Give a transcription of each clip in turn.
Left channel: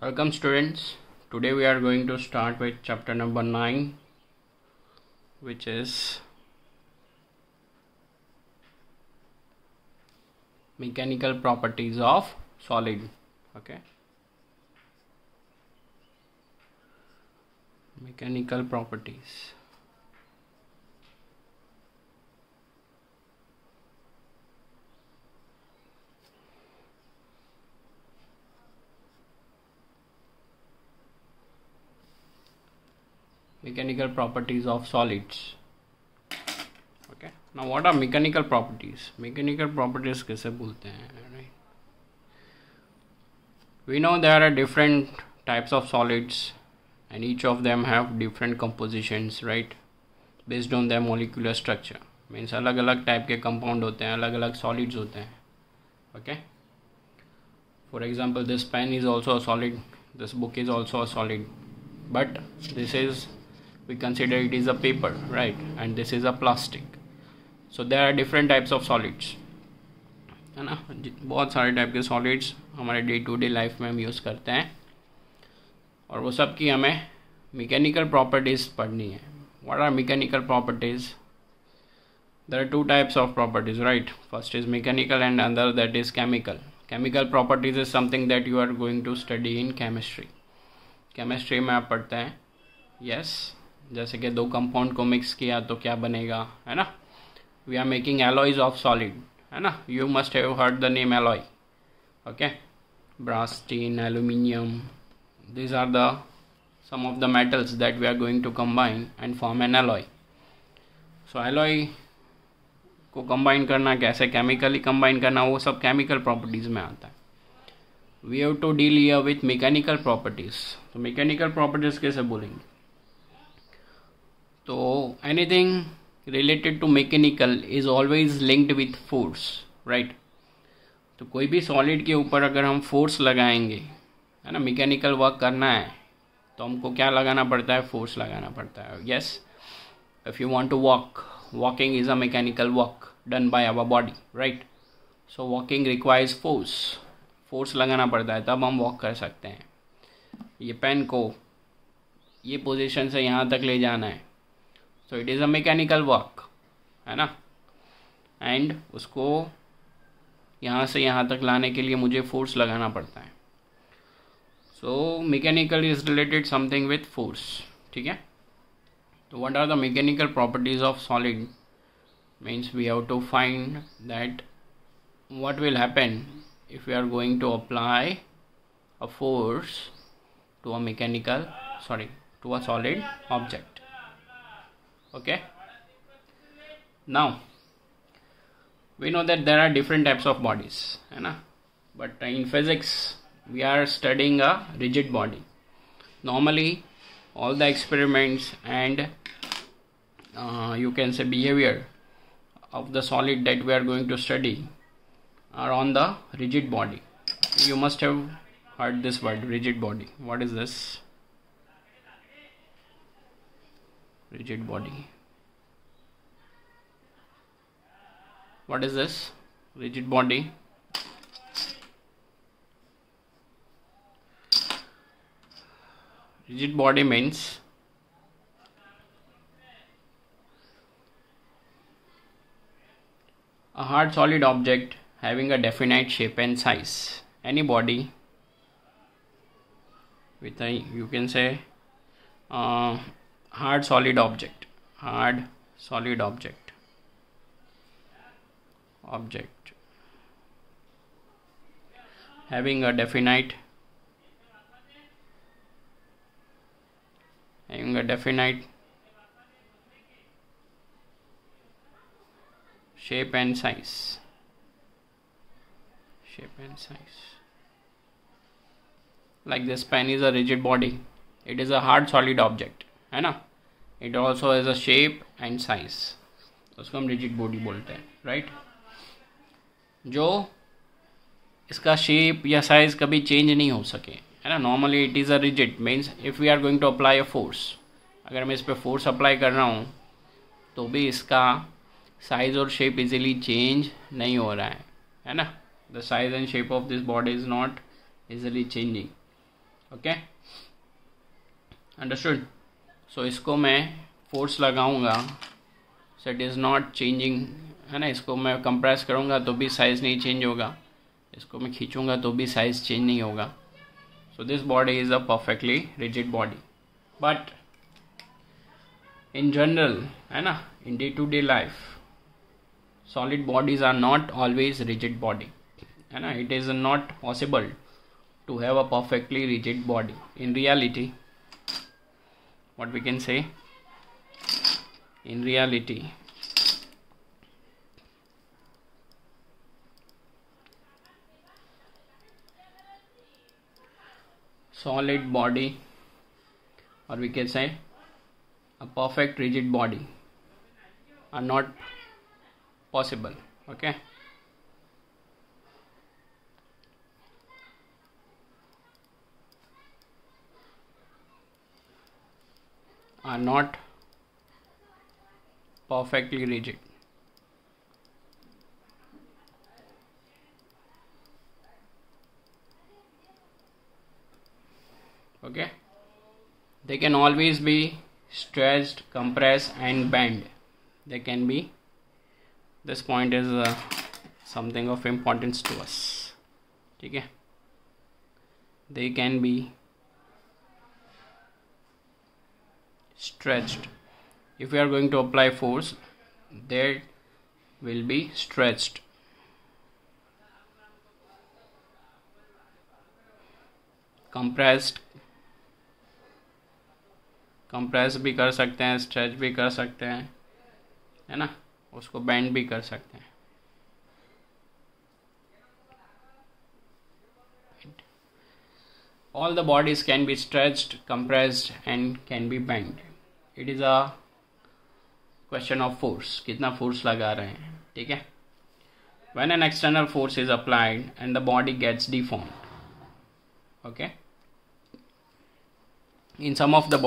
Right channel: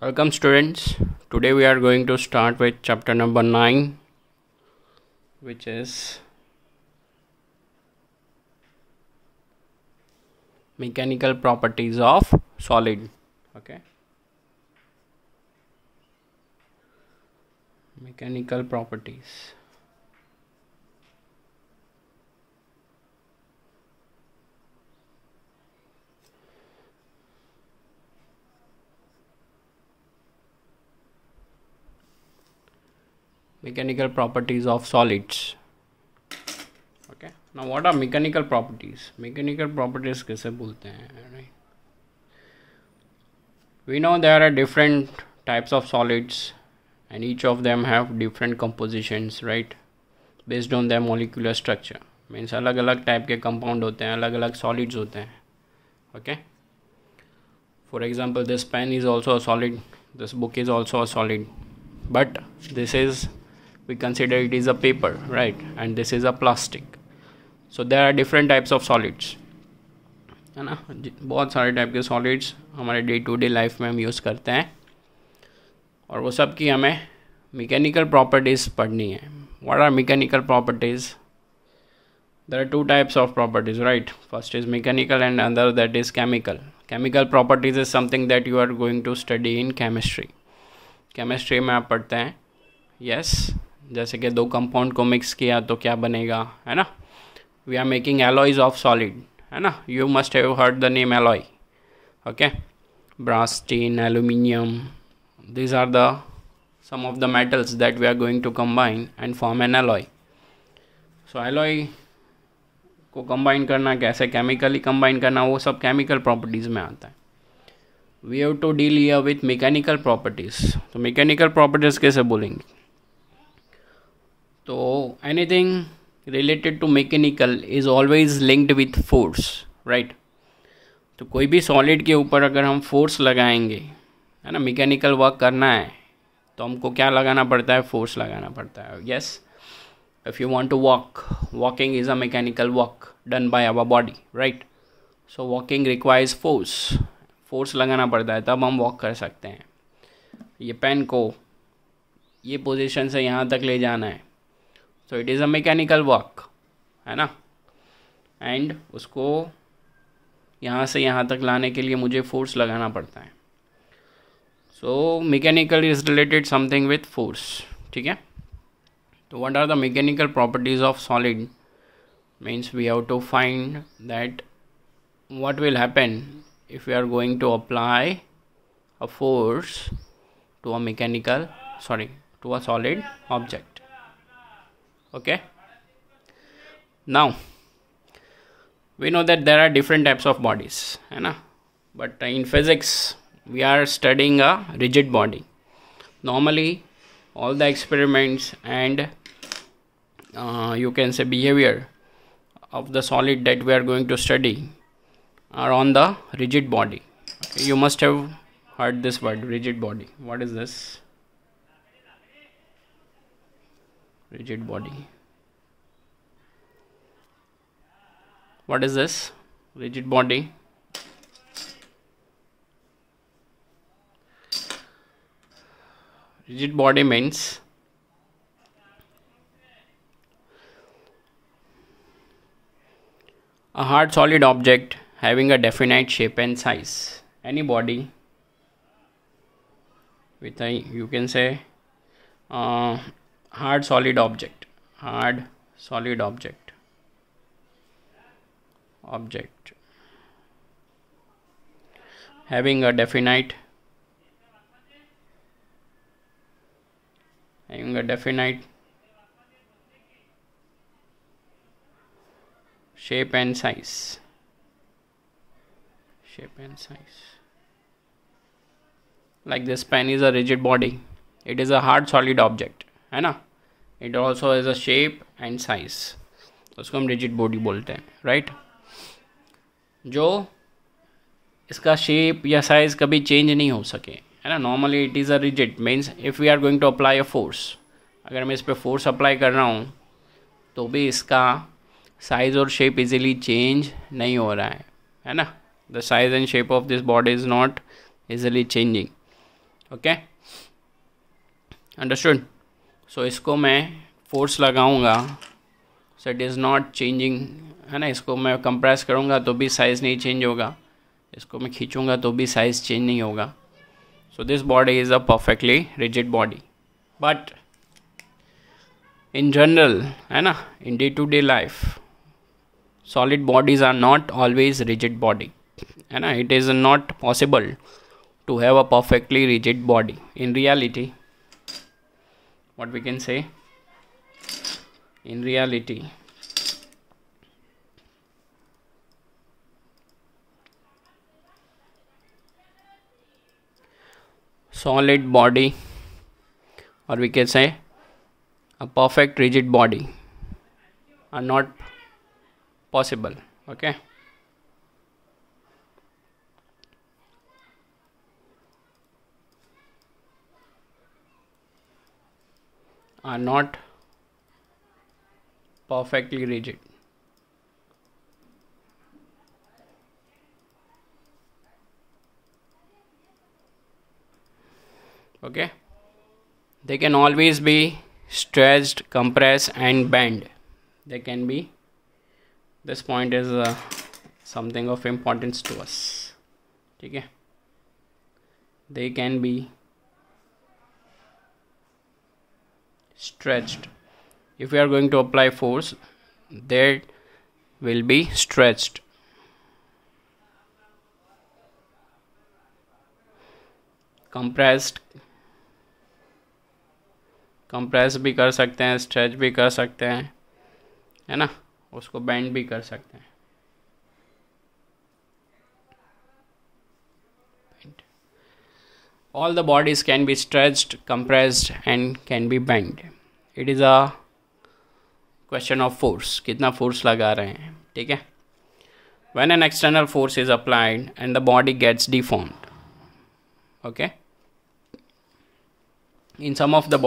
Welcome students. Today we are going to start with chapter number 9, which is mechanical properties of solid. Okay. Mechanical properties. Mechanical properties of solids. Okay. Now what are mechanical properties? Mechanical properties कैसे बोलते हैं? We know there are different types of solids and each of them have different compositions, right? Based on their molecular structure. Means अलग अलग type के compound होते हैं, अलग अलग सॉलिड्स होते हैं. Okay. For example, this pen is also a solid. This book is also a solid. But this is, we consider it is a paper, right? And this is a plastic. So there are different types of solids, है ना. बहुत सारे type के solids हमारे day to day life में हम use करते हैं और वो सब की हमें मैकेनिकल प्रॉपर्टीज़ पढ़नी है. What are mechanical properties? There are two types of properties, right? First is mechanical and another that is chemical. Chemical properties is something that you are going to study in chemistry. Chemistry में आप पढ़ते हैं, yes, जैसे कि दो compound को mix किया तो क्या बनेगा, है ना. We are making alloys of solid, है ना. You must have heard the name alloy. Okay, brass, tin, aluminium. These are the some of the metals that we are going to combine and form an alloy. So alloy को combine करना, कैसे chemically combine करना, वो सब chemical properties में आता है. We have to deal here with mechanical properties. तो मैकेनिकल प्रॉपर्टीज़ कैसे बोलेंगे? तो anything related to mechanical is always linked with force, right. तो कोई भी सॉलिड के ऊपर अगर हम फोर्स लगाएंगे, है ना, मैकेनिकल वर्क करना है तो हमको क्या लगाना पड़ता है? फोर्स लगाना पड़ता है. Yes. If you want to walk, walking is a mechanical work done by our body, right? So walking requires force. Force लगाना पड़ता है तब हम वॉक कर सकते हैं. ये पेन को ये पोजीशन से यहाँ तक ले जाना है, so it is a mechanical work, है ना. एंड उसको यहाँ से यहाँ तक लाने के लिए मुझे फोर्स लगाना पड़ता है. So mechanical is related something with force. ठीक है. So what are the mechanical properties of solid? Means we have to find that what will happen if we are going to apply a force to a to a solid object. Okay. Now we know that there are different types of bodies, है ना. But in physics we are studying a rigid body. Normally all the experiments and you can say behavior of the solid that we are going to study are on the rigid body. You must have heard this word, rigid body. What is this? Rigid body. What is this? Rigid body. Rigid body means a hard solid object having a definite shape and size. Any body with a, you can say, hard solid object having a definite shape and size. Like this pen is a rigid body. It is a hard solid object, है ना. It also has a shape and size. तो उसको हम rigid body बोलते हैं, right? जो इसका shape या size कभी change नहीं हो सके, है ना. Normally it is a rigid, means if we are going to apply a force, अगर मैं इस पर force apply कर रहा हूँ तो भी इसका साइज और शेप इजीली चेंज नहीं हो रहा है ना. The size and shape of this body is not easily changing. Okay, understood. So इसको मैं फोर्स लगाऊंगा, so it is not changing, है ना। इसको मैं कंप्रेस करूंगा तो भी साइज़ नहीं चेंज होगा, इसको मैं खींचूंगा तो भी साइज़ चेंज नहीं होगा। So this body is a perfectly rigid body. But in general, है ना, in day to day life solid bodies are not always rigid body, है ना। it is not possible to have a perfectly rigid body. In reality, what we can say, in reality solid body, or we can say a perfect rigid body, are not possible. Okay, are not perfectly rigid. Okay, they can always be stretched, compressed and bent. They can be, this point is something of importance to us, ठीक है। they can be stretched. If we are going to apply force, they will be stretched, compressed भी कर सकते हैं, stretch भी कर सकते हैं, है ना, उसको बैंड भी कर सकते हैं। All the bodies can be stretched, compressed and can be bent. It is a question of force, कितना फोर्स लगा रहे हैं, ठीक है। When an external force is applied and the body gets deformed, okay, in some of the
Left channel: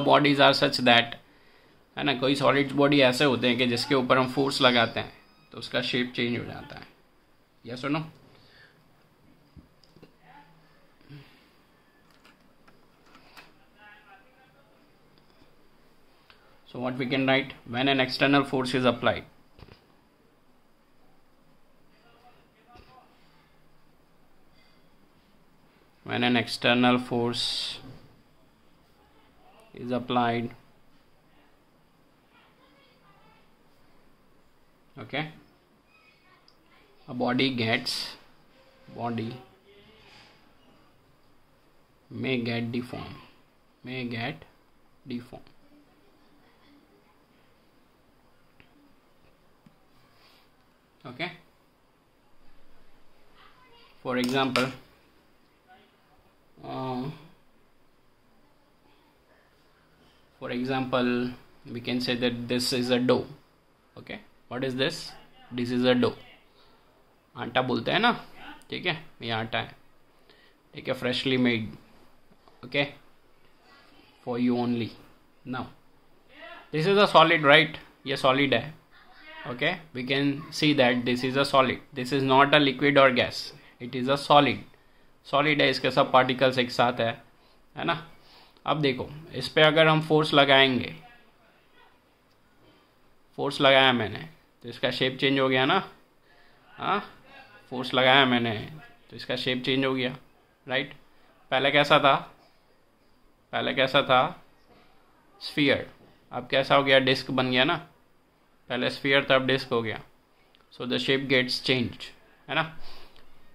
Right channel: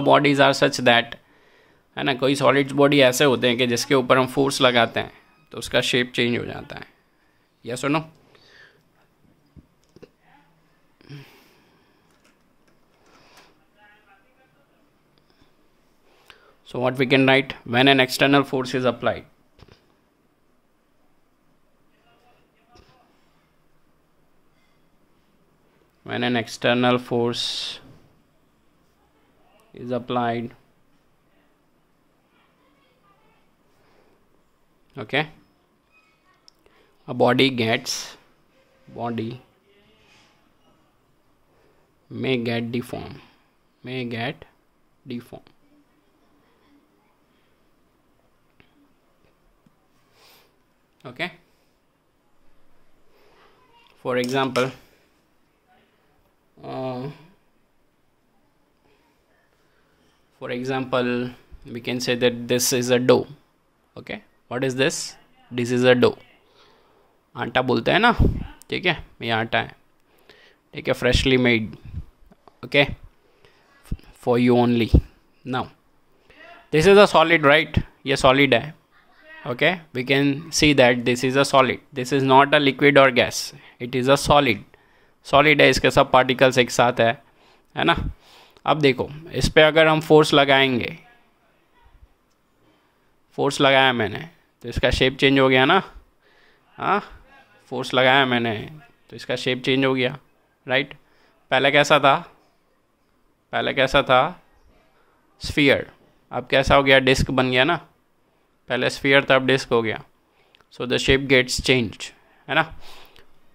bodies are such that, है ना, कोई solids body ऐसे होते हैं कि जिसके ऊपर हम फोर्स लगाते हैं तो उसका शेप चेंज हो जाता है, यस और no. So what we can write, when an external force is applied, when an external force is applied, okay, a body may get deformed, okay. For example, we can say that this is a dough, okay. What is this? This is a dough. आटा बोलते हैं ना, ठीक है, ये आटा है, ठीक है, freshly made, okay, for you only. Now this is a solid, right, ये सॉलिड है, okay, we can see that this is a solid, this is not a liquid और gas, it is a solid है, इसके सब particles एक साथ है ना। अब देखो, इस पे अगर हम फोर्स लगाएंगे, फोर्स लगाया मैंने तो इसका शेप चेंज हो गया ना, हाँ, फोर्स लगाया मैंने तो इसका शेप चेंज हो गया, राइट। पहले कैसा था, स्फीयर, अब कैसा हो गया, डिस्क बन गया ना, पहले स्फीयर था अब डिस्क हो गया। So the shape gets change, है ना।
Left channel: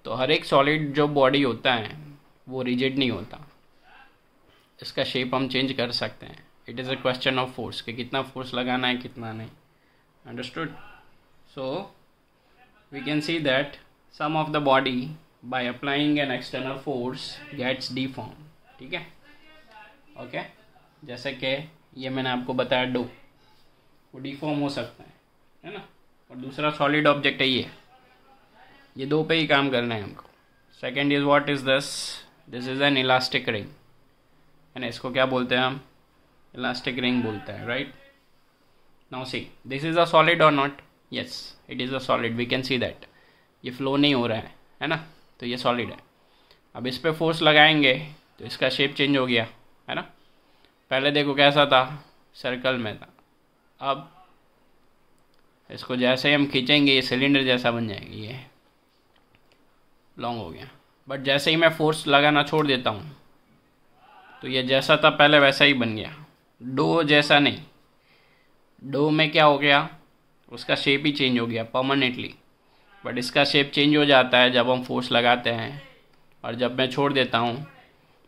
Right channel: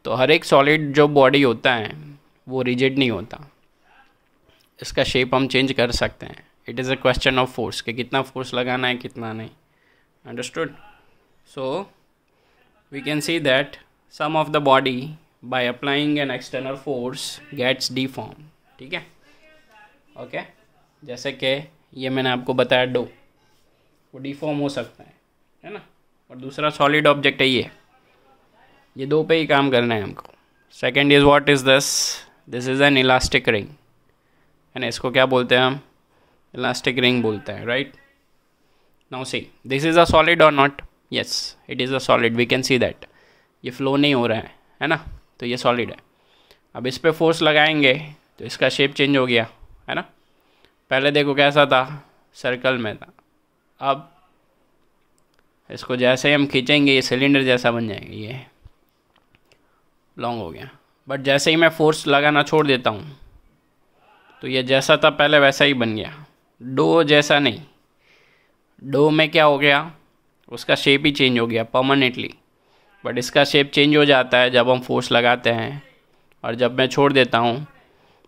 तो हर एक सॉलिड जो बॉडी होता है वो रिजिड नहीं होता, इसका शेप हम चेंज कर सकते हैं। It is a question of force, कि कितना फोर्स लगाना है कितना नहीं, understood. So we can see that some of the body by applying an external force gets deform, ठीक है, ओके। जैसे कि ये मैंने आपको बताया डो, वो डिफॉर्म हो सकता है ना। और दूसरा सॉलिड ऑब्जेक्ट है ये दो पे ही काम करना है हमको। Second is what is this is an elastic ring, है ना, इसको क्या बोलते हैं हम, इलास्टिक रिंग बोलते हैं, right. Now see, this is a solid और not, yes it is a solid, we can see that, ये फ्लो नहीं हो रहा है ना, तो ये सॉलिड है। अब इस पर फोर्स लगाएंगे तो इसका शेप चेंज हो गया, है ना। पहले देखो कैसा था, सर्कल में था, अब इसको जैसे हम खींचेंगे ये सिलेंडर जैसा बन जाएगा, ये लॉन्ग हो गया। बट जैसे ही मैं फोर्स लगाना छोड़ देता हूँ तो ये जैसा था पहले वैसा ही बन गया, डो जैसा नहीं। डो में क्या हो गया, उसका शेप ही चेंज हो गया परमानेंटली, बट इसका शेप चेंज हो जाता है जब हम फोर्स लगाते हैं, और जब मैं छोड़ देता हूँ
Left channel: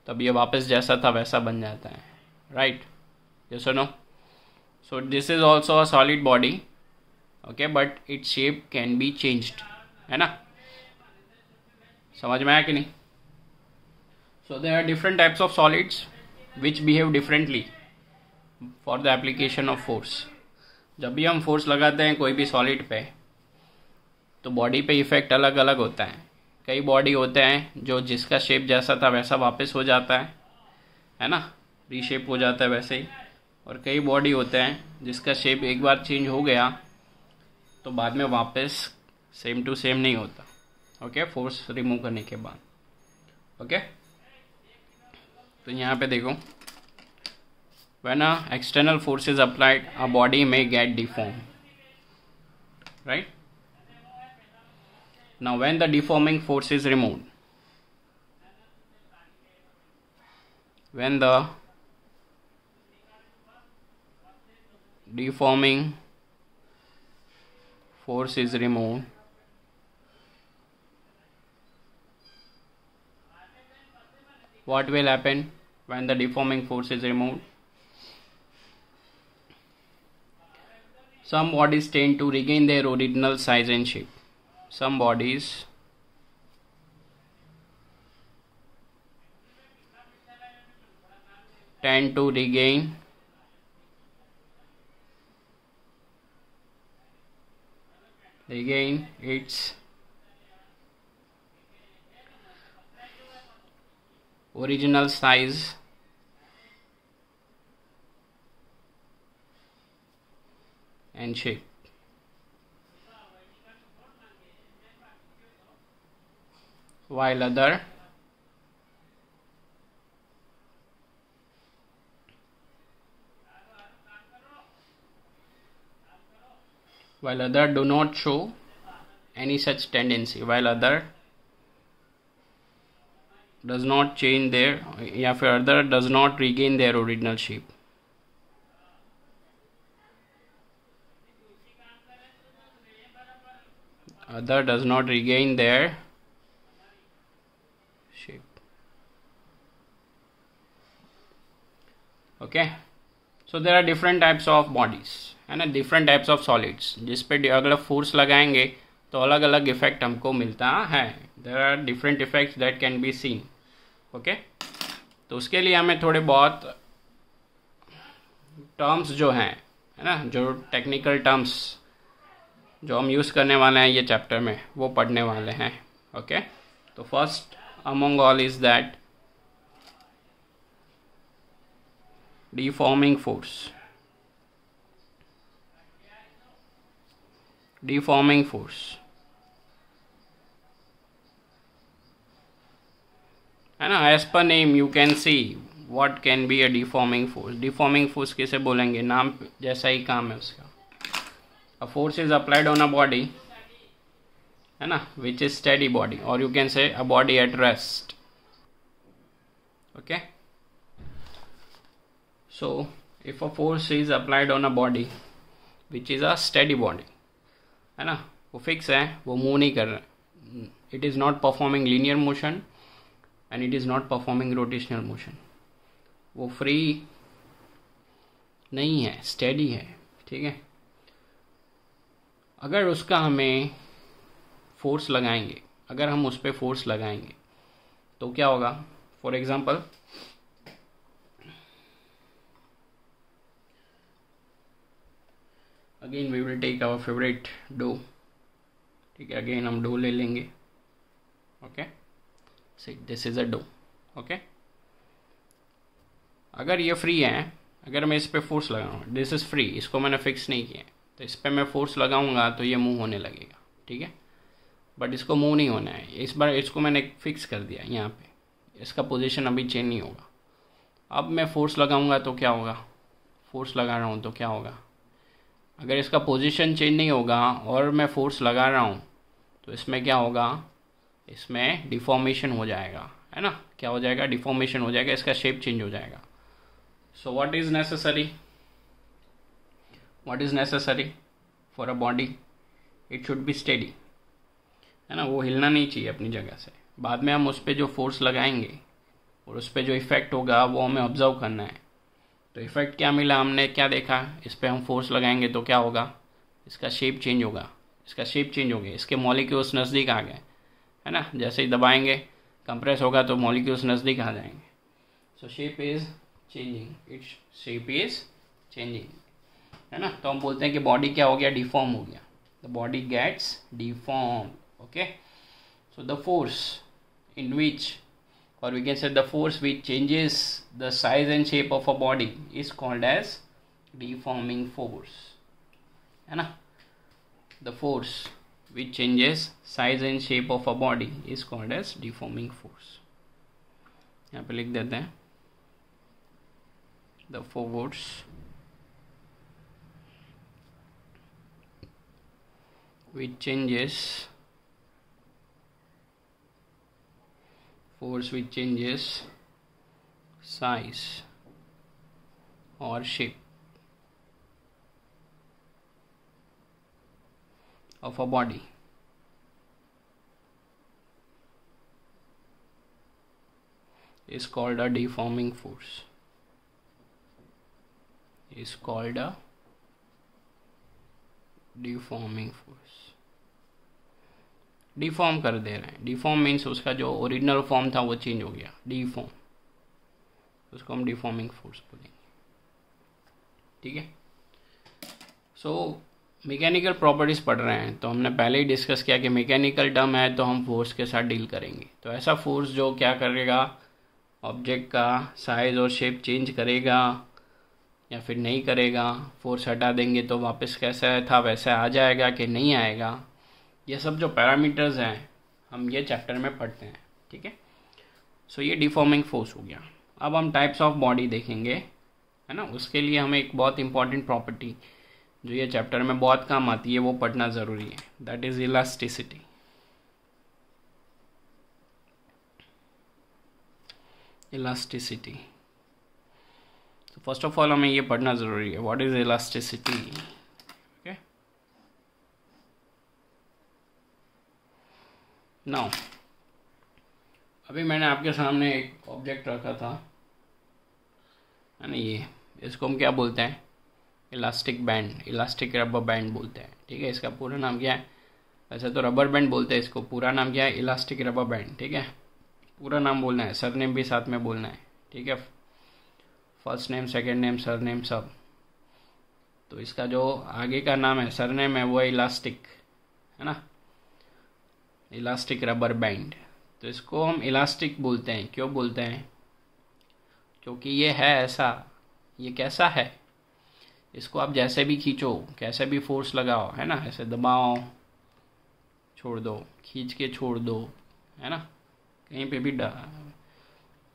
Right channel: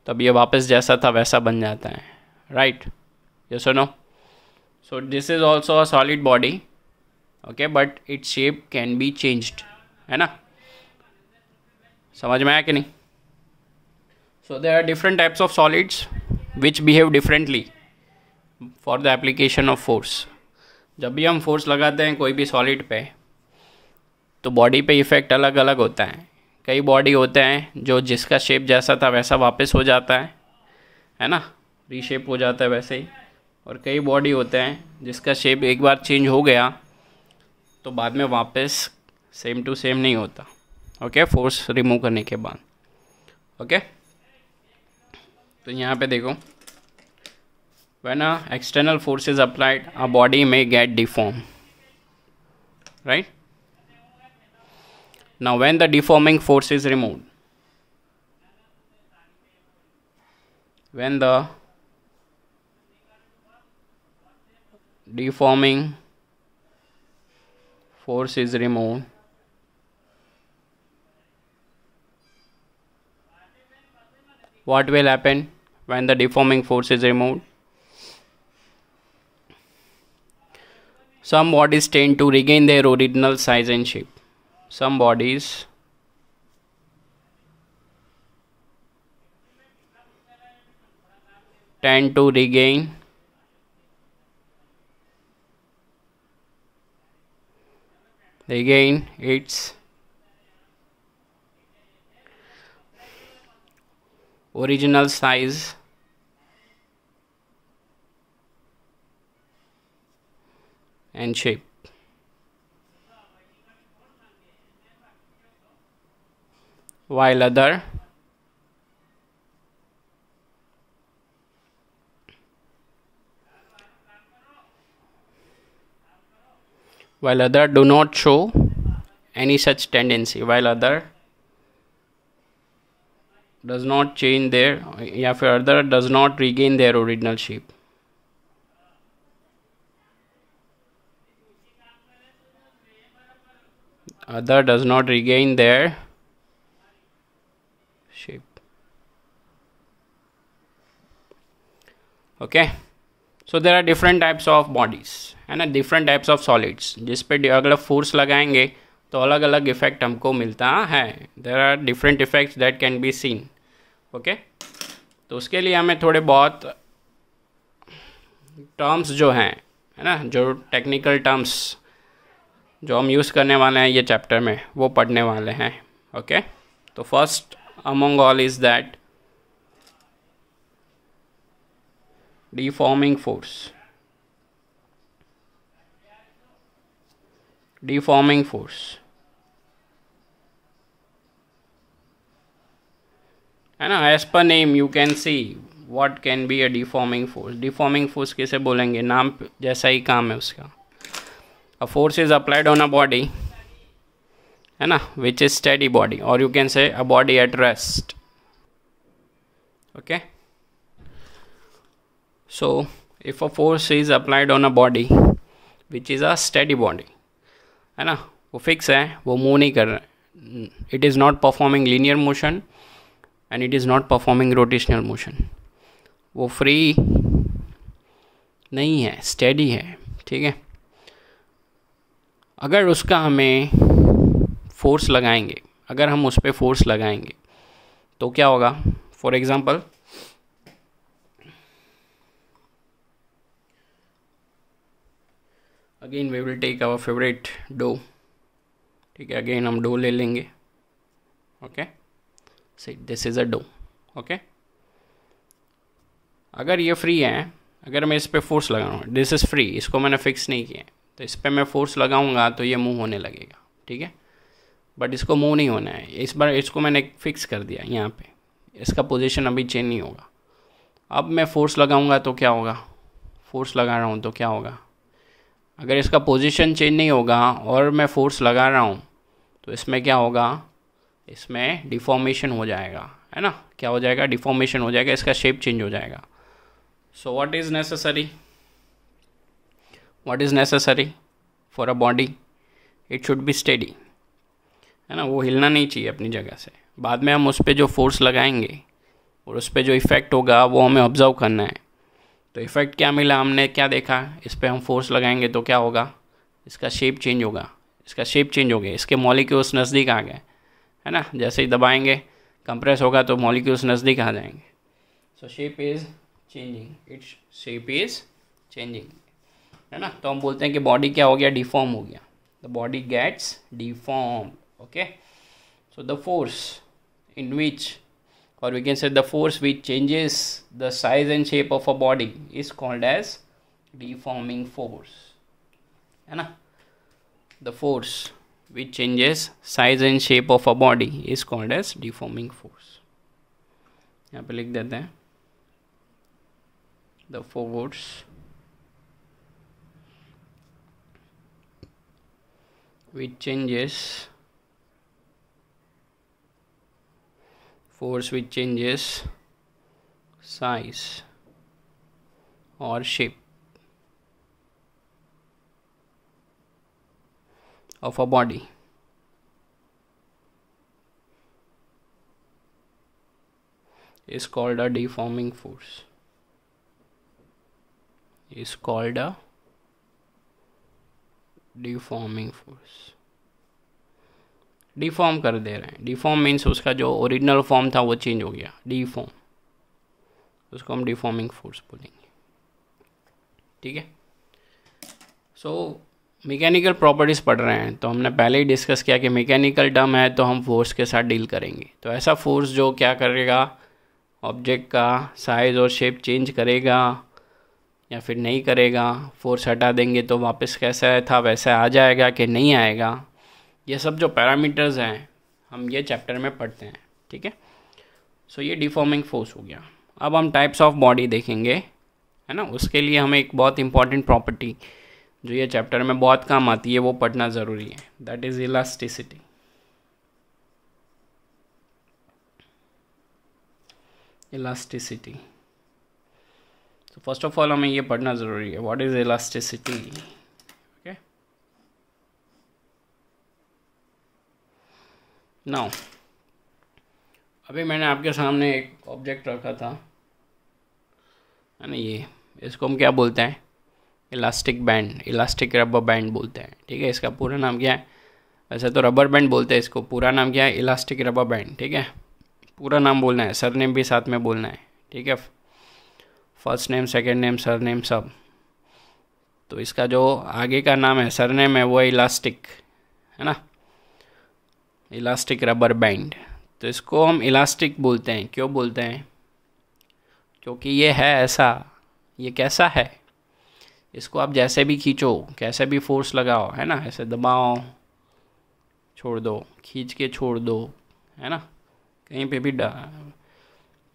तब ये वापस जैसा था वैसा बन जाता है, राइट। यस और no. So this is also a solid body, okay, but its shape can be changed, है ना। समझ में आया कि नहीं। So there are different types of solids which behave differently for the application of force. जब भी हम फोर्स लगाते हैं कोई भी सॉलिड पे तो बॉडी पे इफ़ेक्ट अलग अलग होता है। कई बॉडी होते हैं जो जिसका शेप जैसा था वैसा वापस हो जाता है ना, रीशेप हो जाता है वैसे ही। और कई बॉडी होते हैं जिसका शेप एक बार चेंज हो गया तो बाद में वापस सेम टू सेम नहीं होता, ओके, फोर्स रिमूव करने के बाद, ओके। तो यहाँ पे देखो, when a external force is applied, a body may get deformed, right? Now when the deforming force is removed, when the deforming force is removed, what will happen when the deforming force is removed? Some bodies tend to regain their original size and shape. Some bodies tend to regain its original size and shape. While other do not show any such tendency, while other does not change their, या फिर other does not regain their original shape. Other does not regain their shape. Okay, so there are different types of bodies, है ना, different types of solids, जिस पे अगर force लगाएंगे तो अलग अलग इफेक्ट हमको मिलता है। There are different effects that can be seen. Okay, तो उसके लिए हमें थोड़े बहुत टर्म्स जो हैं, है ना, जो टेक्निकल टर्म्स जो हम यूज़ करने वाले हैं ये चैप्टर में वो पढ़ने वाले हैं। ओके, तो first among all is that deforming force. Deforming force, है ना, as per name you can see what can be a deforming force. Deforming force किसे बोलेंगे, नाम जैसा ही काम है उसका। A force is applied on a body, है ना, विच इज स्टेडी बॉडी, और you can say a body at rest. Okay, so if a force is applied on a body which is a steady body, है ना, वो fix है, वो move नहीं कर रहा है, it is not performing linear motion and it is not performing rotational motion, वो फ्री नहीं है, स्टेडी है, ठीक है। अगर उसका हमें फोर्स लगाएंगे, अगर हम उस पर फोर्स लगाएंगे तो क्या होगा। For example, again we will take our favourite dough, ठीक है, अगेन हम डो ले लेंगे। Okay, see this is a dough. Okay, अगर ये फ्री है, अगर मैं इस पर फोर्स लगाऊँ, दिस इज़ फ्री, इसको मैंने फिक्स नहीं किया, तो इस पर मैं फोर्स लगाऊंगा तो ये मूव होने लगेगा, ठीक है, बट इसको मूव नहीं होना है। इस बार इसको मैंने फिक्स कर दिया यहाँ पे, इसका पोजीशन अभी चेंज नहीं होगा। अब मैं फोर्स लगाऊंगा तो क्या होगा, फोर्स लगा रहा हूँ तो क्या होगा, अगर इसका पोजीशन चेंज नहीं होगा और मैं फोर्स लगा रहा हूँ तो इसमें क्या होगा, इसमें डिफॉर्मेशन हो जाएगा, है ना। क्या हो जाएगा, डिफॉर्मेशन हो जाएगा, इसका शेप चेंज हो जाएगा। So what is necessary, what is necessary for a body, it should be steady, है ना। वो हिलना नहीं चाहिए अपनी जगह से। बाद में हम उस पर जो फोर्स लगाएंगे और उस पर जो इफ़ेक्ट होगा वो हमें ऑब्जर्व करना है। तो इफ़ेक्ट क्या मिला, हमने क्या देखा, इस पर हम फोर्स लगाएंगे तो क्या होगा, इसका शेप चेंज होगा, इसका शेप चेंज हो गया, इसके मॉलिक्यूल्स नज़दीक आ गए, है ना। जैसे ही दबाएंगे कंप्रेस होगा तो मॉलिक्यूल्स नज़दीक आ जाएंगे। सो shape is changing, its shape is changing, है ना। तो हम बोलते हैं कि बॉडी क्या हो गया, डिफॉर्म हो गया, the body gets deform. Okay, so the force in which, or we can say the force which changes the size and shape of a body is called as deforming force, है ना। the force which changes size and shape of a body is called as deforming force। यहाँ पे लिख देते हैं the force which changes size or shape of a body is called a deforming force, is called a deforming force। Deform कर दे रहे हैं, deform means उसका जो ओरिजिनल फॉर्म था वो चेंज हो गया, डिफॉर्म, उसको हम डिफॉर्मिंग फोर्स बोलेंगे, ठीक है। सो मैकेनिकल प्रॉपर्टीज़ पढ़ रहे हैं तो हमने पहले ही डिस्कस किया कि मैकेनिकल टर्म है तो हम फोर्स के साथ डील करेंगे। तो ऐसा फोर्स जो क्या करेगा, ऑब्जेक्ट का साइज़ और शेप चेंज करेगा या फिर नहीं करेगा, फोर्स हटा देंगे तो वापस कैसा था वैसा आ जाएगा कि नहीं आएगा, ये सब जो पैरामीटर्स हैं हम ये चैप्टर में पढ़ते हैं, ठीक है। सो ये डिफॉर्मिंग फोर्स हो गया। अब हम टाइप्स ऑफ बॉडी देखेंगे, है ना। उसके लिए हमें एक बहुत इंपॉर्टेंट प्रॉपर्टी जो ये चैप्टर में बहुत काम आती है वो पढ़ना ज़रूरी है, दैट इज़ इलास्टिसिटी। इलास्टिसिटी, तो फर्स्ट ऑफ ऑल हमें ये पढ़ना ज़रूरी है, व्हाट इज़ इलास्टिसिटी। नाउ अभी मैंने आपके सामने एक ऑब्जेक्ट रखा था, है ना, ये इसको हम क्या बोलते हैं, elastic band, elastic rubber band बोलते हैं, ठीक है। इसका पूरा नाम क्या है, वैसे तो रबर बैंड बोलते हैं इसको, पूरा नाम क्या है, इलास्टिक रबर बैंड, ठीक है। पूरा नाम बोलना है, सरनेम भी साथ में बोलना है, ठीक है। First name, second name, surname सब। तो इसका जो आगे का नाम है, सरनेम है, वो है इलास्टिक, है ना, इलास्टिक रबर बैंड। तो इसको हम इलास्टिक बोलते हैं, क्यों बोलते हैं, क्योंकि ये है ऐसा, ये कैसा है, इसको आप जैसे भी खींचो, कैसे भी फोर्स लगाओ, है ना, ऐसे दबाओ छोड़ दो, खींच के छोड़ दो, है ना, कहीं पे भी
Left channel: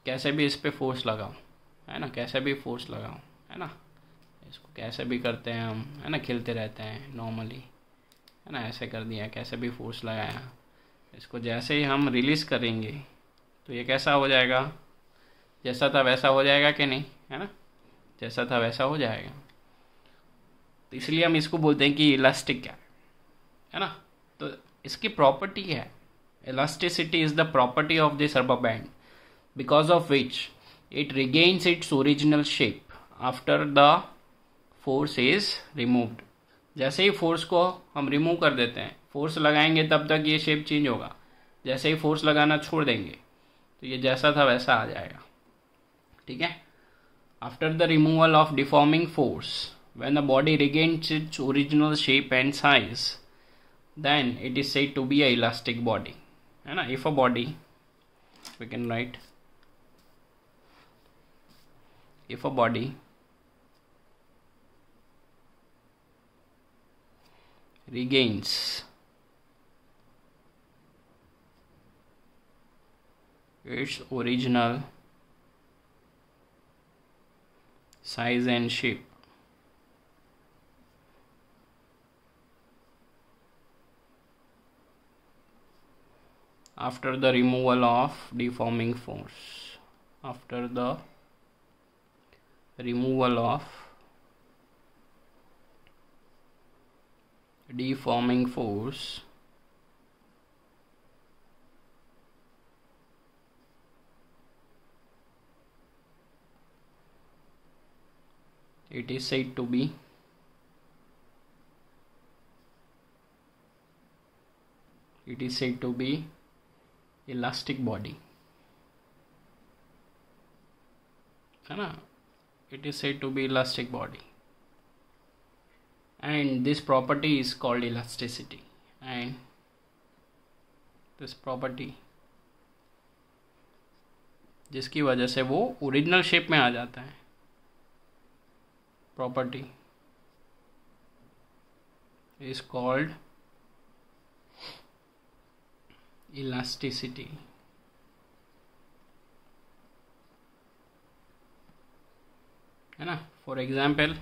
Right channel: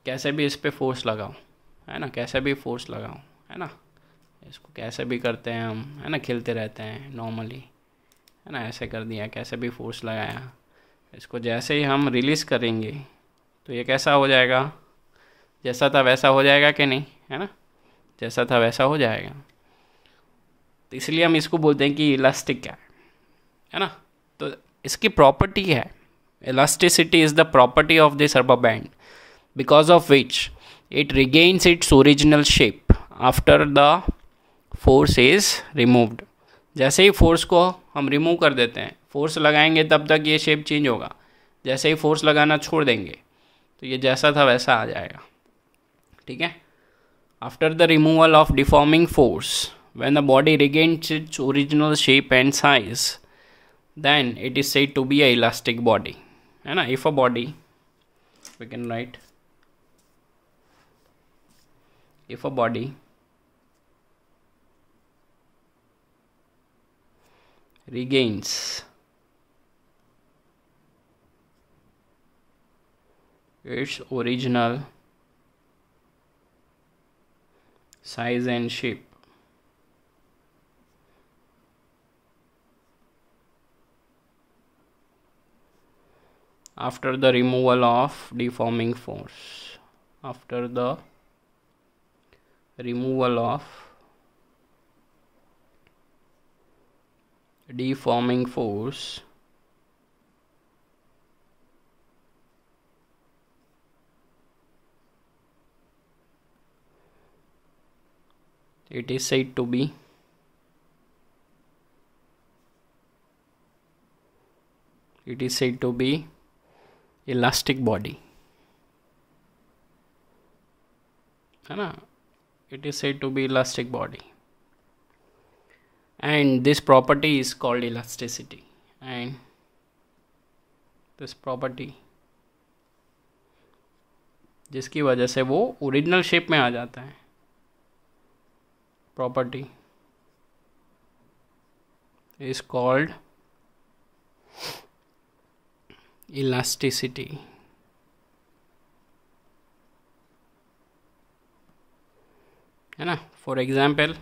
कैसे भी इस पे फोर्स लगाओ, है ना, कैसे भी फोर्स लगाओ, है ना, इसको कैसे भी करते हैं हम, है ना, खेलते रहते हैं नॉर्मली, है ना, ऐसे कर दिया, कैसे भी फोर्स लगाया, इसको जैसे ही हम रिलीज़ करेंगे तो ये कैसा हो जाएगा, जैसा था वैसा हो जाएगा कि नहीं, है ना, जैसा था वैसा हो जाएगा। तो इसलिए हम इसको बोलते हैं कि इलास्टिक है ना। तो इसकी प्रॉपर्टी है, elasticity is the property of this rubber band because of which it regains its original shape after the force is removed. जैसे ही फोर्स को हम रिमूव कर देते हैं, फोर्स लगाएंगे तब तक ये शेप चेंज होगा, जैसे ही फोर्स लगाना छोड़ देंगे तो ये जैसा था वैसा आ जाएगा, ठीक है। After the removal of deforming force when the body regains its original shape and size then it is said to be a elastic body, है ना। If a body, we can write, if a body regains its original size and shape. After the removal of deforming force. After the removal of deforming force, it is said to be elastic body, है ना? It is said to be elastic body, and this property is called elasticity. And this property, जिसकी वजह से वो original shape में आ जाता है, property is called elasticity. है ना? For example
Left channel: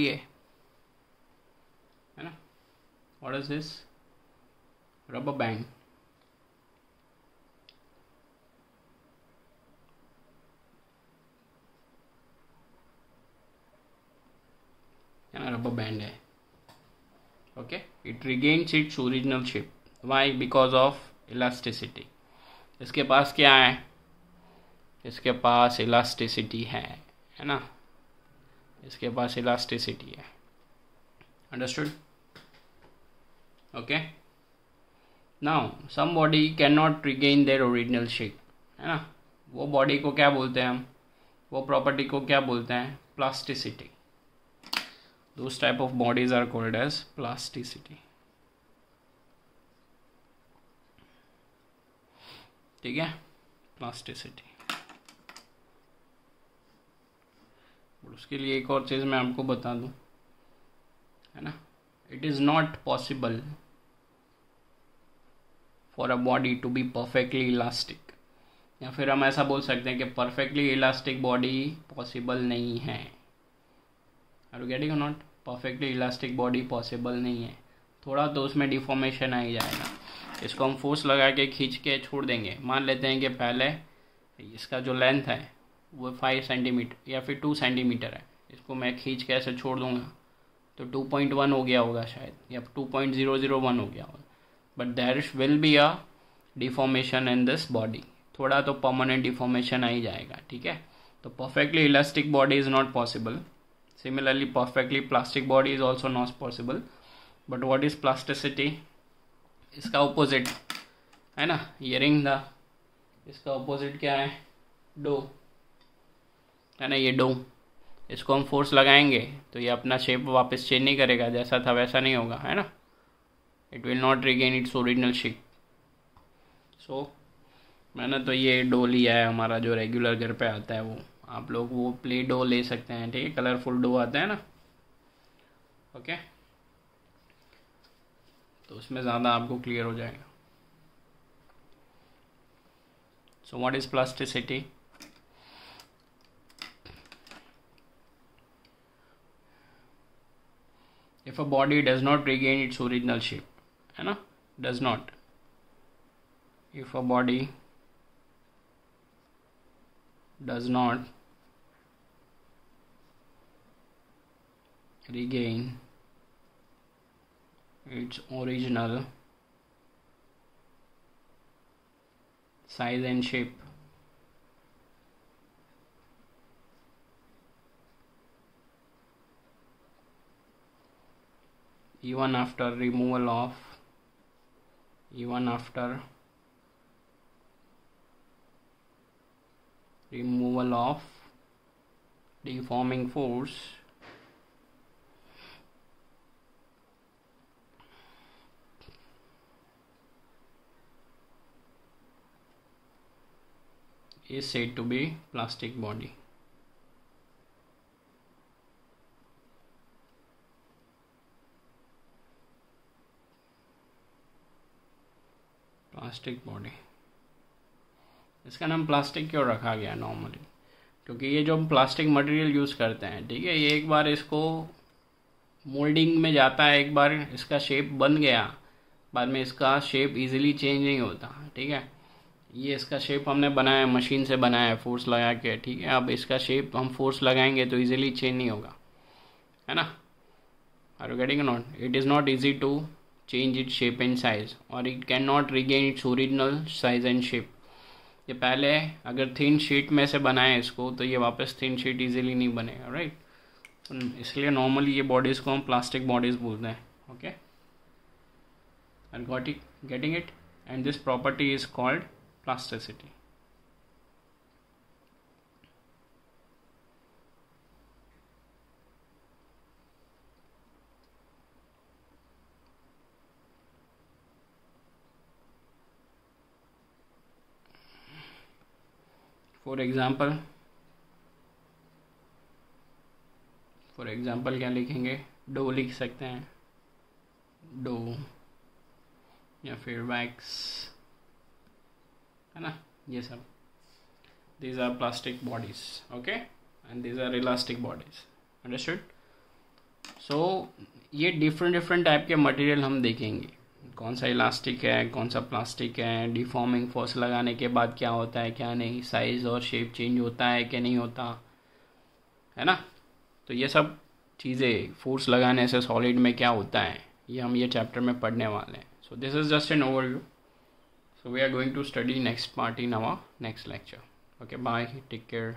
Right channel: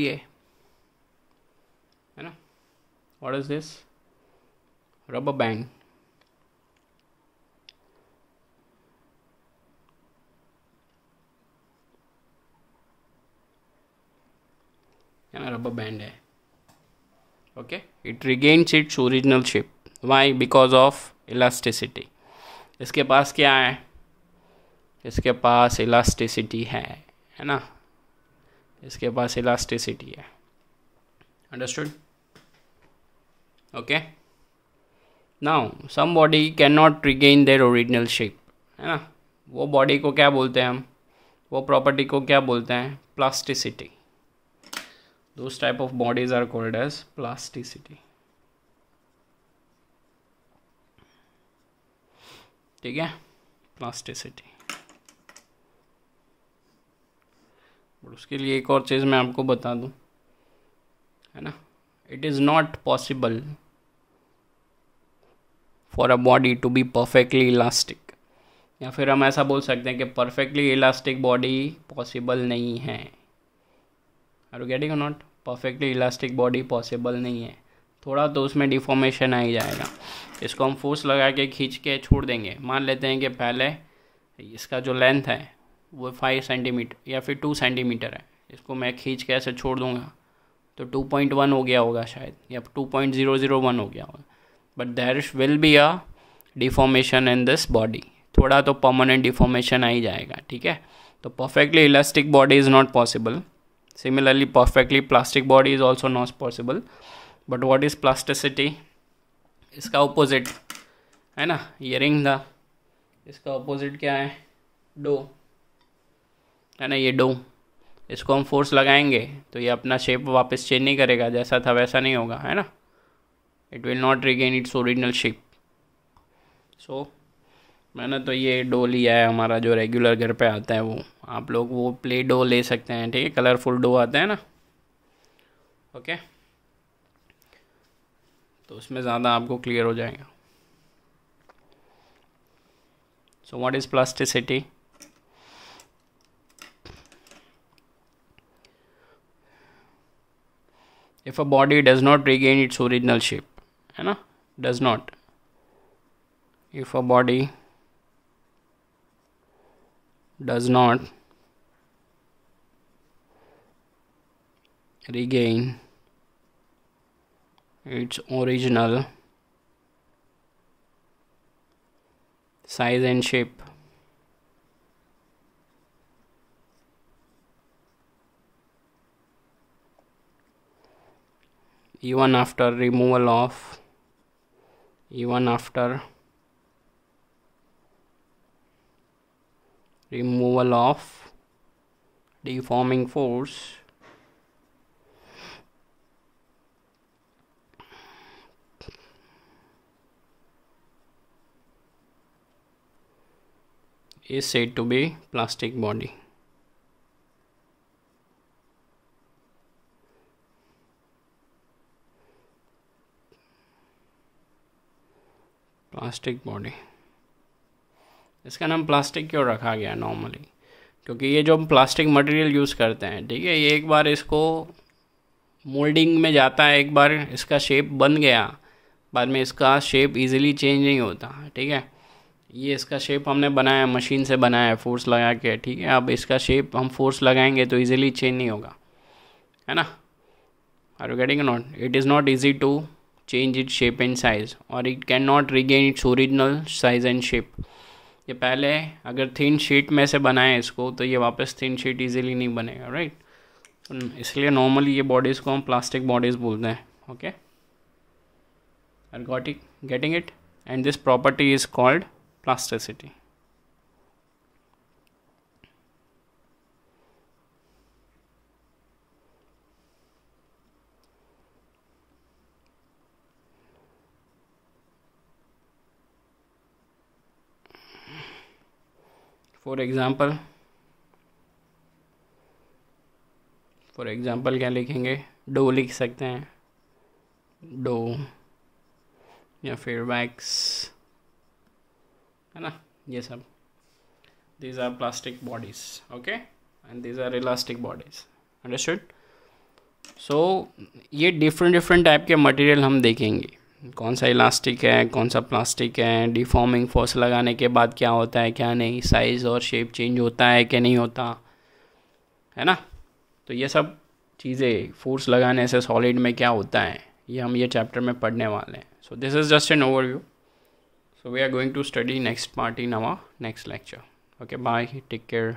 ये है ना, what is this? Rubber band. Rubber band है. Okay, it regains its original shape. Why? Because of elasticity. इसके पास क्या है? इसके पास elasticity है ना? इसके पास elasticity है. Understood? Okay. Now, some body cannot regain their original shape, है ना? वो बॉडी को क्या बोलते हैं हम? वो प्रॉपर्टी को क्या बोलते हैं? Plasticity. Those type of bodies are called as plasticity. ठीक है, प्लास्टिसिटी. और उसके लिए एक और चीज़ मैं आपको बता दूं, है ना, it is not possible for a body to be perfectly elastic. या फिर हम ऐसा बोल सकते हैं कि परफेक्टली इलास्टिक बॉडी पॉसिबल नहीं है. आर यू गेटिंग और not? Perfectly elastic body possible नहीं है. थोड़ा तो उसमें डिफॉर्मेशन आ ही जाएगा. इसको हम फोर्स लगा के खींच के छोड़ देंगे. मान लेते हैं कि पहले इसका जो लेंथ है वो 5 सेंटीमीटर या फिर 2 सेंटीमीटर है. इसको मैं खींच के ऐसे छोड़ दूंगा तो 2.1 हो गया होगा शायद, या 2.001 हो गया होगा. But there will be a deformation in this body. थोड़ा तो परमानेंट डिफॉर्मेशन आ ही जाएगा. ठीक है, तो perfectly elastic body is not possible. Similarly, perfectly plastic body is also not possible. But what is plasticity? इसका opposite है ना, ये रिंग था. इसका opposite क्या है? डो, है ना, ये डो. इसको हम फोर्स लगाएंगे तो ये अपना शेप वापस चेंज नहीं करेगा. जैसा था वैसा नहीं होगा, है ना. It will not regain its original shape. So मैंने तो ये डो लिया है हमारा जो रेगुलर घर पे आता है. वो आप लोग वो प्ले डो ले सकते हैं. ठीक है, कलरफुल डो आता है ना. ओके, तो उसमें ज़्यादा आपको क्लियर हो जाएगा. So what is plasticity? If a body does not regain its original shape, है ना, does not. If a body does not regain its original size and shape, even after removal of deforming force, is said to be plastic body. Plastic body, इसका नाम plastic क्यों रखा गया normally? क्योंकि ये जो हम प्लास्टिक मटेरियल यूज़ करते हैं, ठीक है, ये एक बार इसको मोल्डिंग में जाता है, एक बार इसका शेप बन गया, बाद में इसका शेप इजीली चेंज नहीं होता, ठीक है। ये इसका शेप हमने बनाया, मशीन से बनाया है फोर्स लगा के, ठीक है। अब इसका शेप हम फोर्स लगाएंगे तो इजीली चेंज नहीं होगा, है ना। Are you getting not? It is not easy to change it shape and size, और it can not regain its original size and shape. ये पहले अगर थिन शीट में से बनाए इसको, तो ये वापस थिन शीट इजीली नहीं बनेगा, राइट। इसलिए नॉर्मली ये बॉडीज़ को हम प्लास्टिक बॉडीज़ बोलते हैं, okay. I got it, getting it? And this property is called plasticity. For example क्या लिखेंगे? डो लिख सकते हैं, डो, या फिर वैक्स, है ना, ये सब। these are plastic bodies, okay, and these are elastic bodies, understood? so ये डिफरेंट टाइप के मटेरियल हम देखेंगे, कौन सा इलास्टिक है, कौन सा प्लास्टिक है, डिफॉर्मिंग फोर्स लगाने के बाद क्या होता है, क्या नहीं, साइज़ और शेप चेंज होता है कि नहीं होता, है ना। तो ये सब चीज़ें फोर्स लगाने से सॉलिड में क्या होता है, ये हम ये चैप्टर में पढ़ने वाले हैं। सो this is just an overview, so we are going to study next part in our next lecture. Okay, bye, take care.